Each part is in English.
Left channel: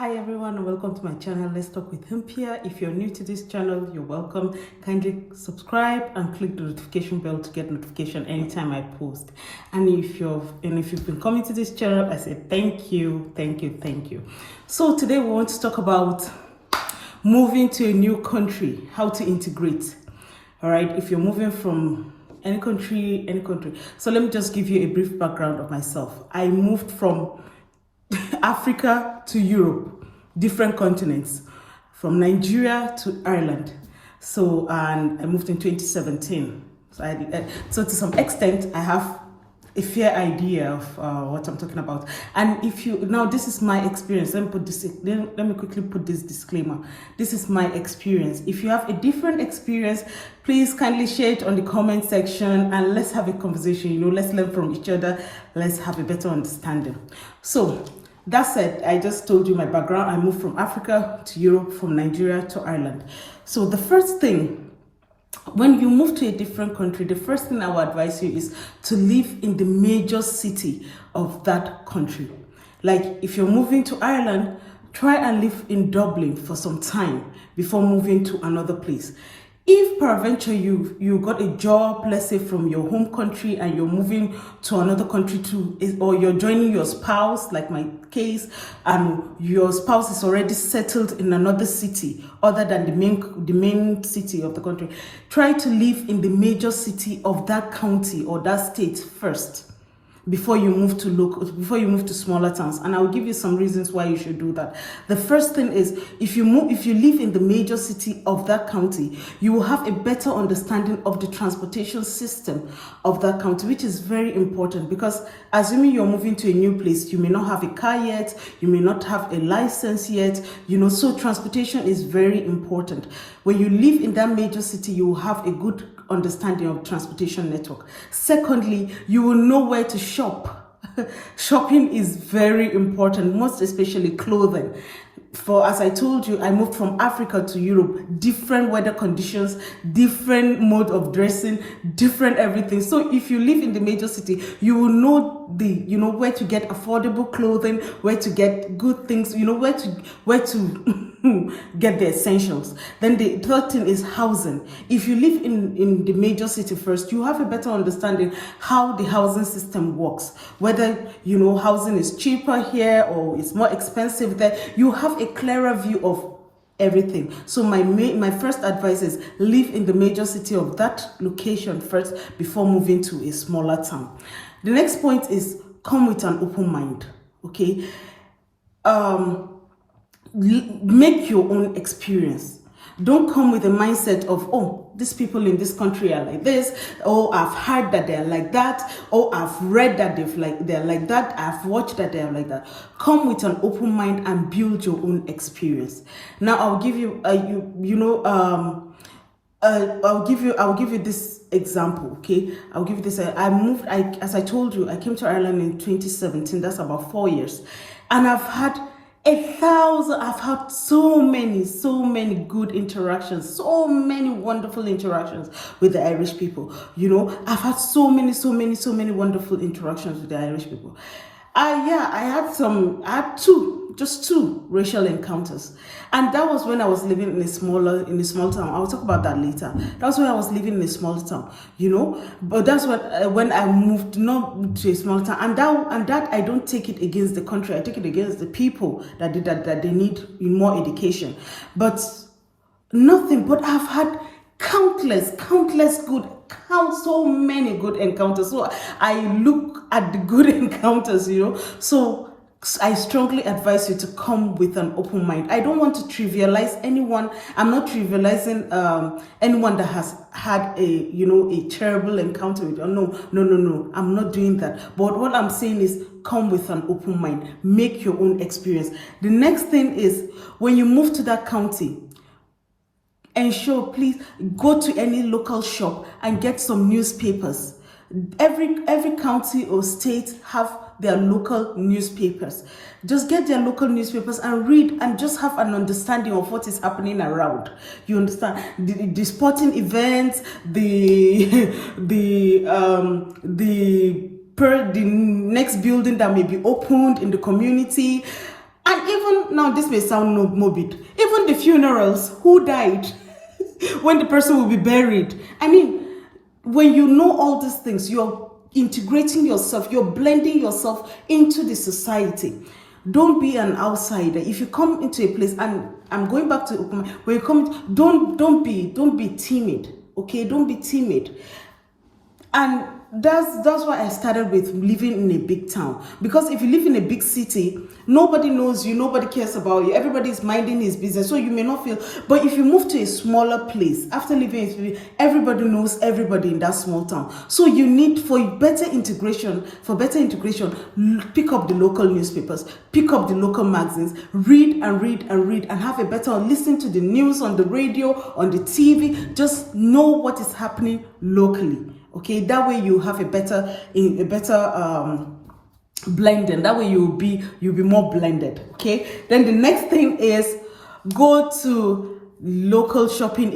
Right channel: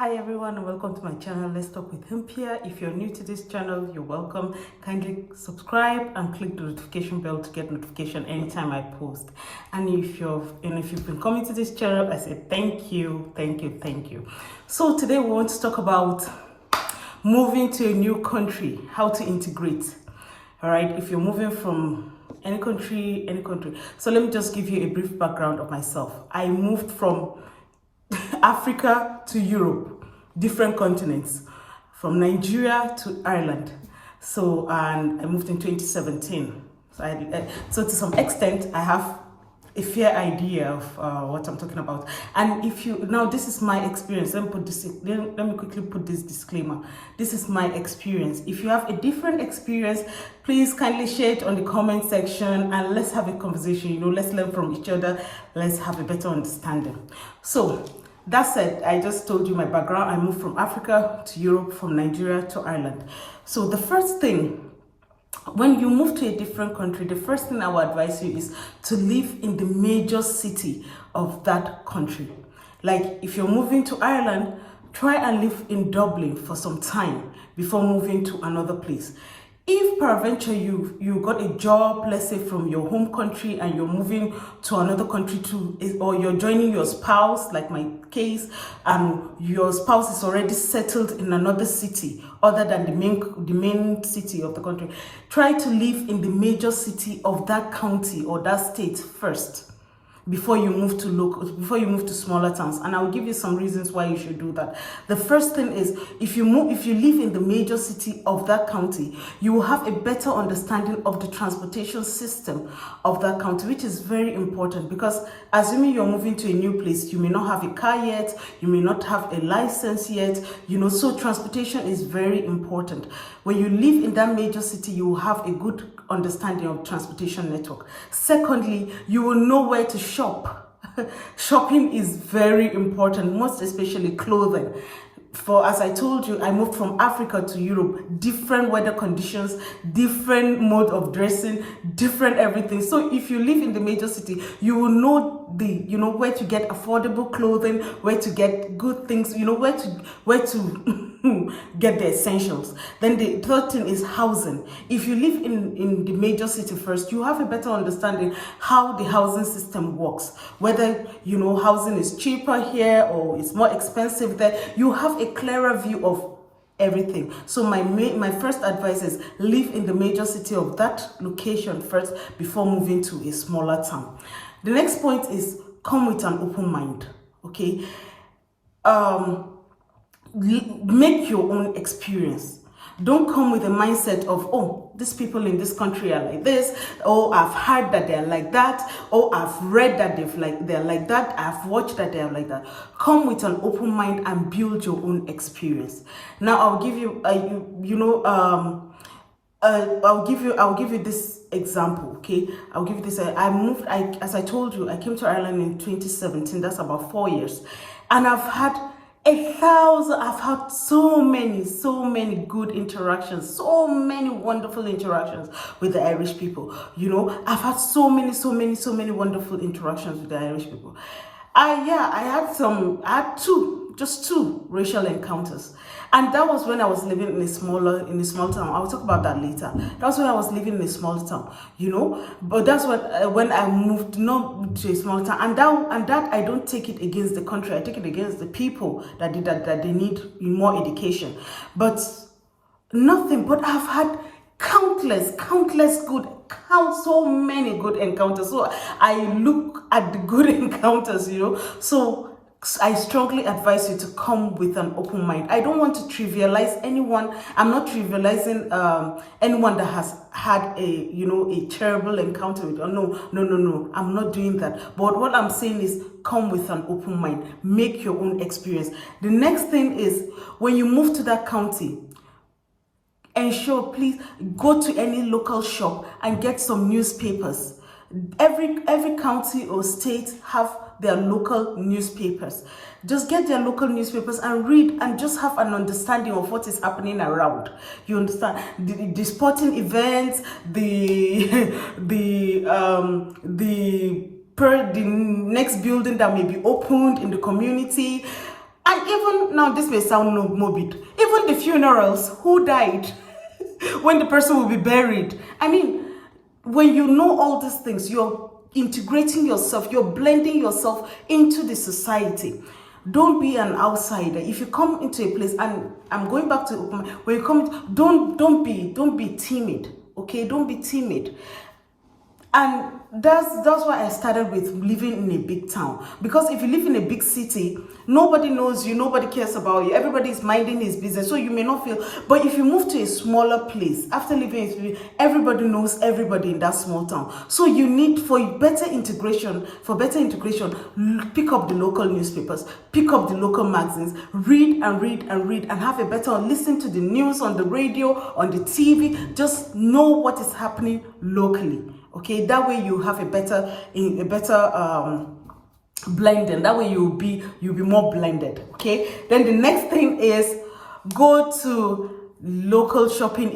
Hi everyone and welcome to my channel. Let's talk with Himpia. If you're new to this channel, you're welcome. Kindly subscribe and click the notification bell to get notification anytime I post. And if you've been coming to this channel, I say thank you. So today we want to talk about moving to a new country, how to integrate. All right, if you're moving from any country. So let me just give you a brief background of myself. I moved from Africa to Europe, different continents, from Nigeria to Ireland. So, and I moved in 2017. So to some extent, I have a fair idea of what I'm talking about. And if you now, this is my experience. Let me quickly put this disclaimer. This is my experience. If you have a different experience, please kindly share it on the comment section and let's have a conversation. Let's learn from each other. Let's have a better understanding. So that said, I just told you my background. I moved from Africa to Europe, from Nigeria to Ireland. So the first thing, when you move to a different country, the first thing I would advise you is to live in the major city of that country. Like if you're moving to Ireland, try and live in Dublin for some time before moving to another place. If peradventure you got a job, let's say from your home country, and you're moving to another country or you're joining your spouse, like my case, and your spouse is already settled in another city other than the main city of the country, try to live in the major city of that county or that state first before you move to smaller towns. And I'll give you some reasons why you should do that. The first thing is, if you live in the major city of that county, you will have a better understanding of the transportation system of that county, which is very important, because assuming you're moving to a new place, you may not have a car yet, you may not have a license yet, so transportation is very important. When you live in that major city, you will have a good understanding of transportation network. Secondly, you will know where to shop. Shopping is very important, most especially clothing. As I told you, I moved from Africa to Europe, different weather conditions, different mode of dressing, different everything. So if you live in the major city, you will know where to get affordable clothing, where to get good things, where to get the essentials. Then the third thing is housing. If you live in the major city first, you have a better understanding how the housing system works, whether housing is cheaper here or it's more expensive there. You have a clearer view of everything. So my first advice is live in the major city of that location first before moving to a smaller town. The next point is come with an open mind. Okay, make your own experience. Don't come with a mindset of, oh, these people in this country are like this, oh, I've heard that they're like that, oh, I've read that they're like that, I've watched that they're like that. Come with an open mind and build your own experience. Now I'll give you I'll give you this example. Okay, I'll give you this. As I told you, I came to Ireland in 2017. That's about 4 years, and I've had so many good interactions, so many wonderful interactions with the Irish people. I've had so many wonderful interactions with the Irish people. I had just two racial encounters, and that was when I was living in a small town. I'll talk about that later. That's when I was living in a small town, But that's when I moved not to a small town, and that I don't take it against the country. I take it against the people that they need more education. But nothing. But I've had so many good encounters. So I look at the good encounters, So I strongly advise you to come with an open mind. I don't want to trivialize anyone. I'm not trivializing anyone that has had a terrible encounter with. Oh, no. I'm not doing that. But what I'm saying is come with an open mind. Make your own experience. The next thing is, when you move to that county, ensure, please go to any local shop and get some newspapers. Every county or state have their local newspapers. Just get their local newspapers and read, and just have an understanding of what is happening around. You understand the sporting events, the next building that may be opened in the community. And even now, this may sound morbid, even the funerals, who died, when the person will be buried. I mean, when you know all these things, you're integrating yourself, you're blending yourself into the society. Don't be an outsider. If you come into a place, and I'm going back to when you come, don't be timid. Okay, don't be timid. And that's why I started with living in a big town. Because if you live in a big city, nobody knows you, nobody cares about you, everybody's minding his business, so you may not feel. But if you move to a smaller place, after living, everybody knows everybody in that small town. So you need, for better integration, pick up the local newspapers, pick up the local magazines, read and have a better, listen to the news on the radio, on the TV, just know what is happening locally. Okay, that way you have a better blending. That way you'll be more blended. Okay, then the next thing is go to local shopping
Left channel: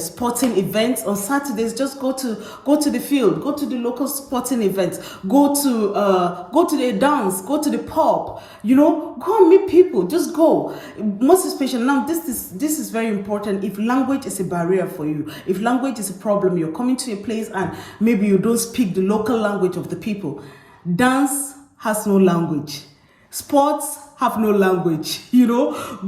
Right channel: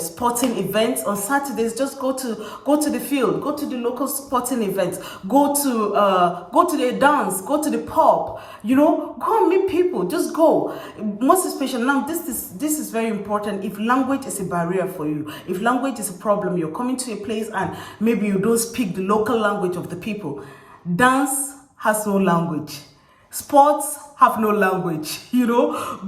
sporting events on Saturdays. Just go to the field, go to the local sporting events, go to the dance, go to the pub, go and meet people. Just go. Most especially now, this is very important. If language is a barrier for you, if language is a problem, you're coming to a place and maybe you don't speak the local language of the people. Dance has no language. Sports have no language,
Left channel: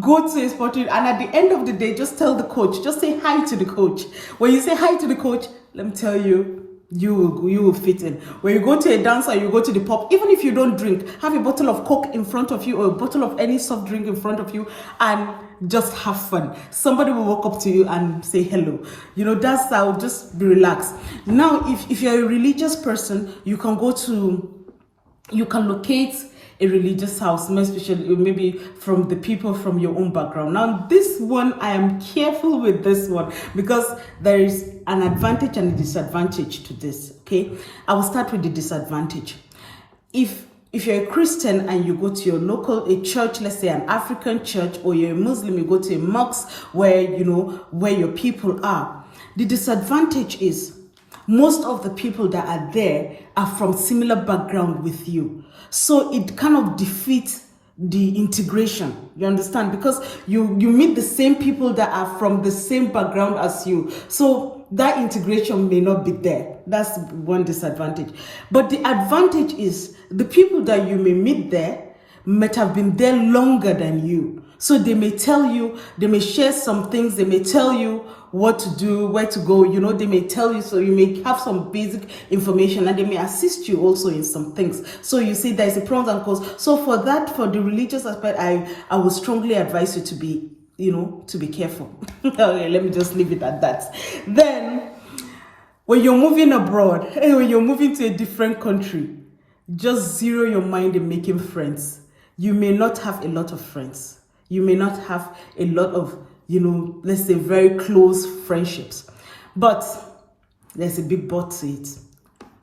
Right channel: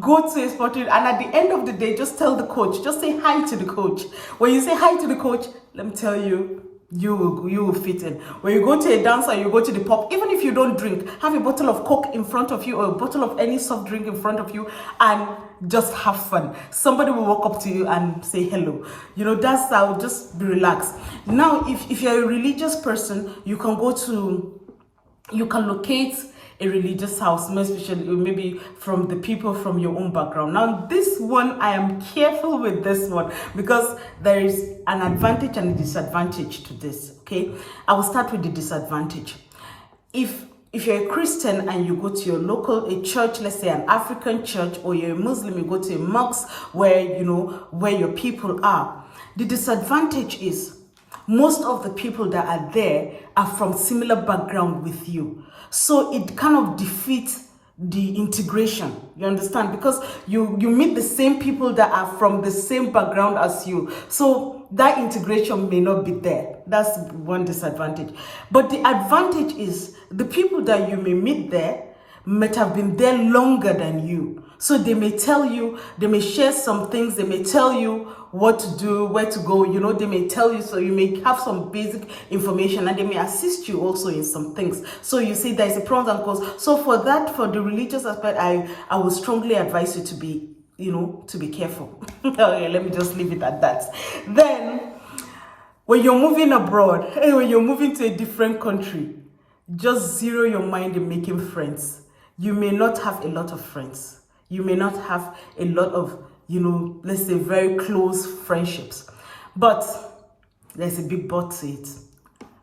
go to a sporting, and at the end of the day, just tell the coach, just say hi to the coach. When you say hi to the coach, let me tell you, you will fit in. When you go to a dance or you go to the pub, even if you don't drink, have a bottle of Coke in front of you or a bottle of any soft drink in front of you and just have fun. Somebody will walk up to you and say hello. That's how, just be relaxed. Now, if you're a religious person, you can locate a religious house, especially maybe from the people from your own background. Now, this one, I am careful with this one because there is an advantage and a disadvantage to this, okay? I will start with the disadvantage. If you're a Christian and you go to your local church, let's say an African church, or you're a Muslim, you go to a mosque where your people are. The disadvantage is most of the people that are there are from similar background with you. So it kind of defeats the integration, you understand? Because you meet the same people that are from the same background as you. So that integration may not be there. That's one disadvantage. But the advantage is the people that you may meet there might have been there longer than you. So they may tell you, they may share some things, they may tell you what to do, where to go, they may tell you, so you may have some basic information, and they may assist you also in some things. So you see there's a pros and cons. So for the religious aspect, I would strongly advise you to be, to be careful. Okay, let me just leave it at that. Then, when you're moving abroad, when you're moving to a different country, just zero your mind in making friends. You may not have a lot of friends. You may not have a lot of, let's say very close friendships. But there's a big but to it.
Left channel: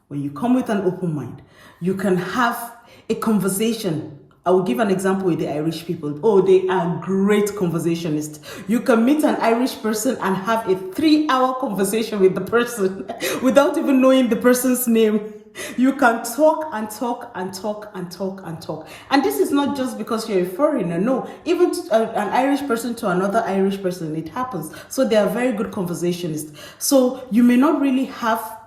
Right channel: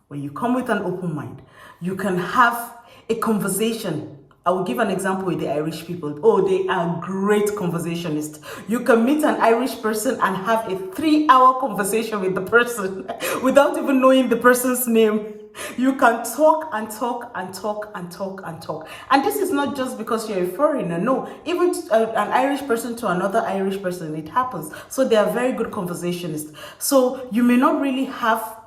When you come with an open mind, you can have a conversation. I will give an example with the Irish people. Oh, they are great conversationists. You can meet an Irish person and have a 3-hour conversation with the person without even knowing the person's name. You can talk and talk and talk and talk and talk. And this is not just because you're a foreigner. No, even an Irish person to another Irish person, it happens. So they are very good conversationists. So you may not really have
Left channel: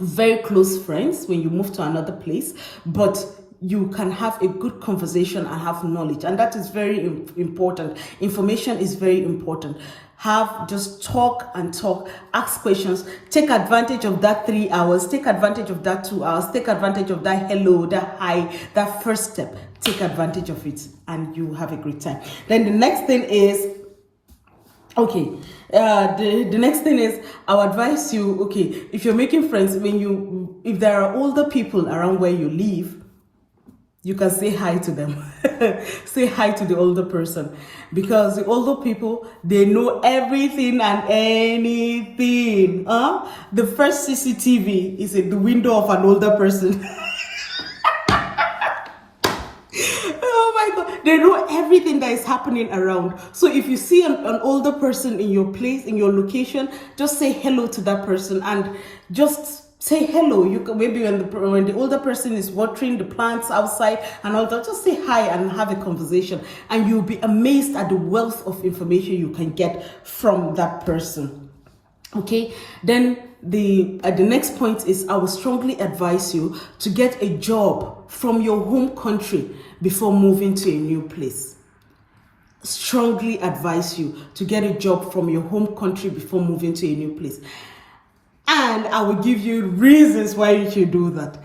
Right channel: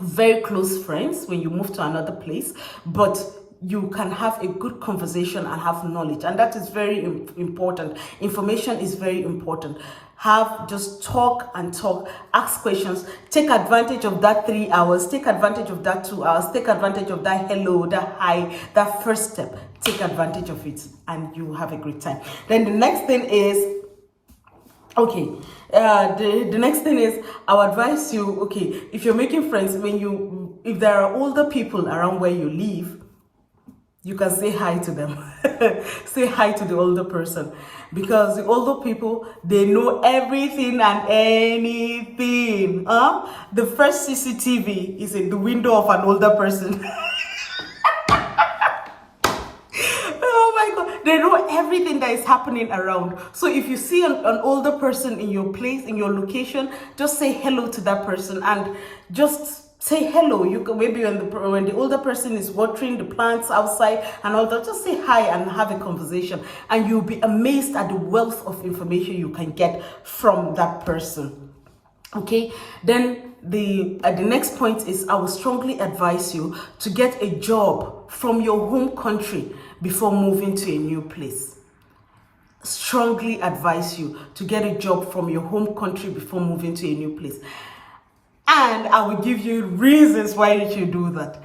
very close friends when you move to another place, but you can have a good conversation and have knowledge. And that is very important. Information is very important. Just talk and talk, ask questions, take advantage of that 3 hours, take advantage of that 2 hours, take advantage of that hello, that hi, that first step, take advantage of it, and you have a great time. Then the next thing is, the next thing is, I'll advise you, if you're making friends, if there are older people around where you live, you can say hi to them. Say hi to the older person, because the older people, they know everything and anything. The first CCTV is in the window of an older person. Oh my God, they know everything that is happening around. So if you see an older person in your place, in your location, just say hello to that person and just Say hello. You can, maybe when the older person is watering the plants outside and all that, just say hi and have a conversation, and you'll be amazed at the wealth of information you can get from that person. Okay, then the next point is, I will strongly advise you to get a job from your home country before moving to a new place. Strongly advise you to get a job from your home country before moving to a new place. And I will give you reasons why you should do that.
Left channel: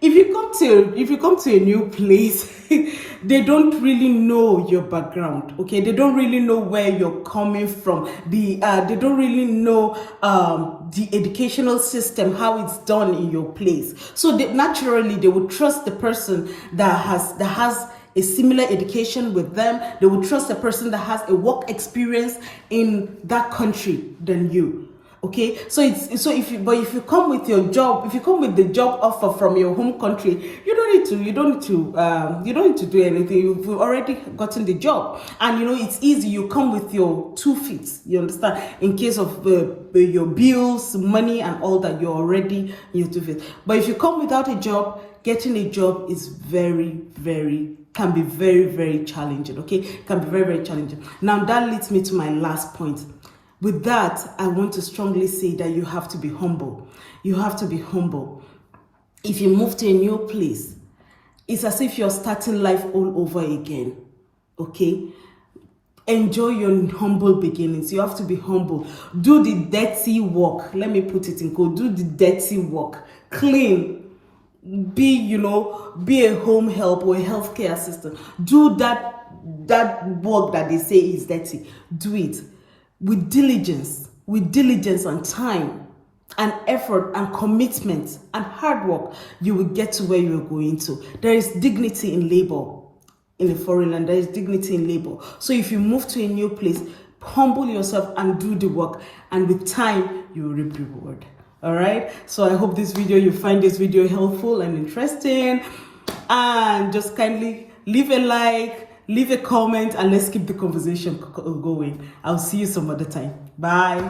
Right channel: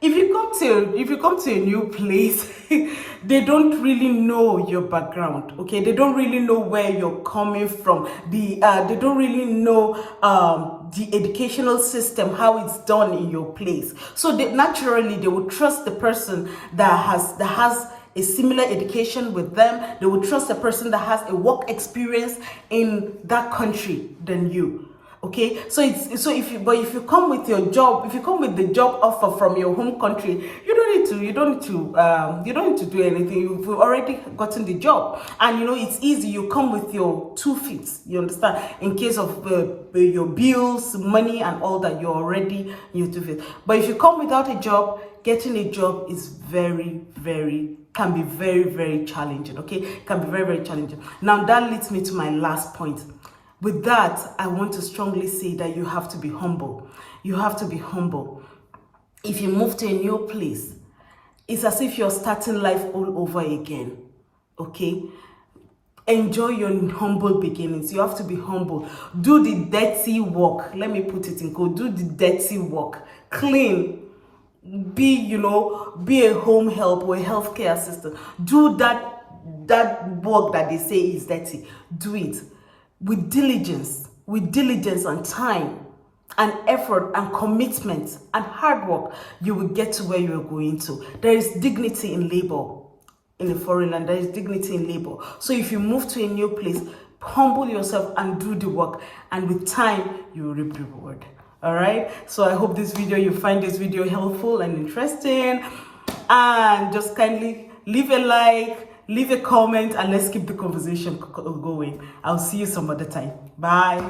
If you come to a new place, they don't really know your background, okay? They don't really know where you're coming from. They don't really know the educational system, how it's done in your place. So naturally, they will trust the person that has a similar education with them. They will trust a person that has a work experience in that country than you. Okay, so if you come with your job, if you come with the job offer from your home country, you don't need to do anything. You've already gotten the job, and it's easy. You come with your 2 feet. You understand? In case of your bills, money, and all that, you're already in your 2 feet. But if you come without a job, getting a job is can be very, very challenging. Okay, can be very, very challenging. Now that leads me to my last point. With that, I want to strongly say that you have to be humble. You have to be humble. If you move to a new place, it's as if you're starting life all over again. Okay? Enjoy your humble beginnings. You have to be humble. Do the dirty work. Let me put it in code. Do the dirty work. Clean. Be a home help or a healthcare assistant. Do that work that they say is dirty. Do it. With diligence and time and effort and commitment and hard work, you will get to where you are going to. There is dignity in labor in a foreign land. There is dignity in labor. So if you move to a new place, humble yourself and do the work. And with time, you will reap the reward. All right. So I hope you find this video helpful and interesting. And just kindly leave a like, leave a comment, and let's keep the conversation going. I'll see you some other time. Bye.